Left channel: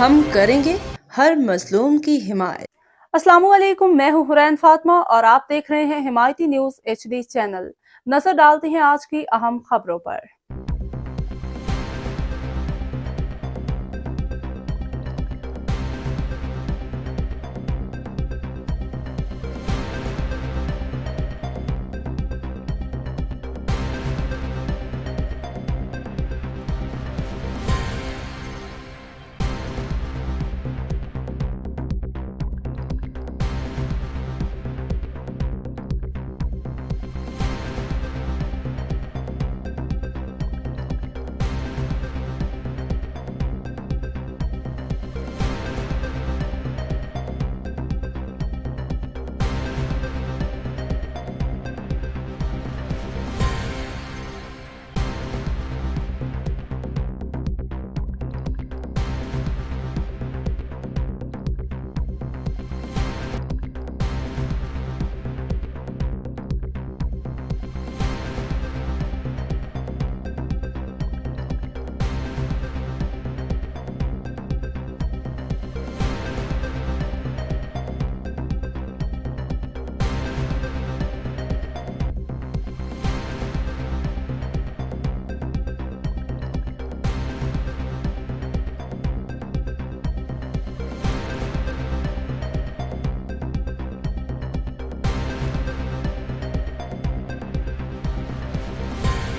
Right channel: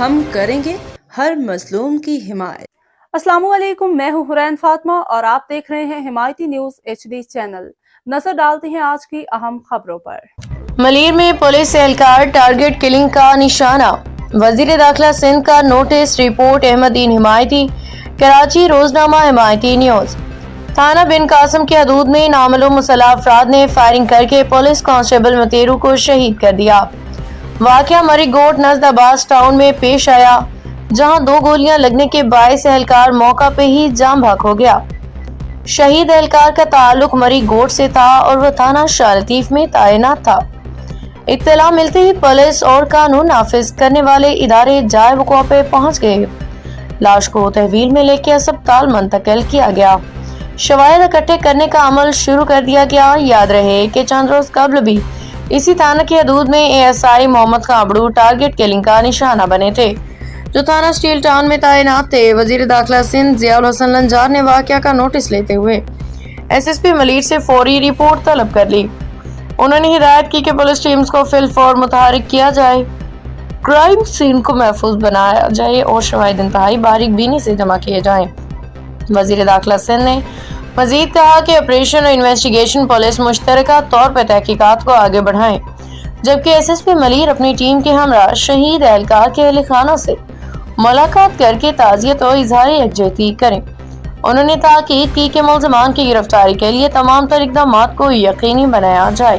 ہم کریں گے ہر مظلوم کی حمایت۔ السلام علیکم، میں ہوں حرین فاطمہ اور آپ دیکھ رہے ہیں حمایتی نیوز HD چینل۔ نظر ڈالتے ہیں آج کی اہم خبروں پر۔ ملیر میں پولیس اہلکار ٹارگٹ کلنگ کا نشانہ، وزیر داخلہ سندھ کا نوٹس، رپورٹ احمد دین حمایتی، کراچی روزنامہ حمایتی نیوز۔ تھانہ بن قاسم کی حدود میں نامعلوم مسلح افراد نے فائرنگ کر کے پولیس کانسٹیبل متیرو کو شہید کر دیا۔ واقعہ مری گوٹ نزد عباس ٹاؤن میں پیش آیا، جہاں 2 گولیاں لگنے کے باعث اہلکار موقع پہ ہی جاں بحق ہو گیا۔ شہید اہلکار کا تعلق مری گوٹ سے تھا اور وہ تھانہ شاہ لطیف میں تعینات تھا۔ اطلاع ملتے ہی پولیس اور قانون نافذ کرنے والے ادارے جائے وقوع پہ پہنچ گئے۔ لاش کو تحویل میں لے کے اسپتال منتقل کیا گیا۔ شواہد اکٹھے کرنے کا عمل شروع کر دیا گیا۔ یاد رہے کہ چند روز قبل بھی اسی تھانہ کی حدود میں ASI محمد خابڑو ٹارگٹ کلنگ کا نشانہ بنے تھے، جو تھانہ اسٹیل ٹاؤن میں تعینات تھے۔ وزیر داخلہ سندھ ضیاء الحسن لنجار نے واقعہ کا نوٹس لیتے ہوئے SSP ملیر سے فوری رپورٹ طلب کر لی۔ انہوں نے ہدایت کی کہ پولیس ٹیمز کو فی الفور متحرک کیا جائے، کرائم سین کو محفوظ بنایا جائے اور شواہد انتہائی باریک بینی سے جمع کیے جائیں۔ وزیر داخلہ سندھ نے مزید کہا کہ آپریشن اور انویسٹیگیشن پولیس مشترکہ طور پر تحقیقات کو آگے بڑھائیں، جبکہ SSP ملیر اپنی ٹیم کے ہمراہ شہید اہلکار کے اہل خانہ سے ملاقات کر کے تعزیت اور اظہار یکجہتی کریں۔ انہوں نے تاکید کی کہ ملزمان کی گرفتاری کے لیے تمام تر اقدامات کو یقینی بنایا جائے۔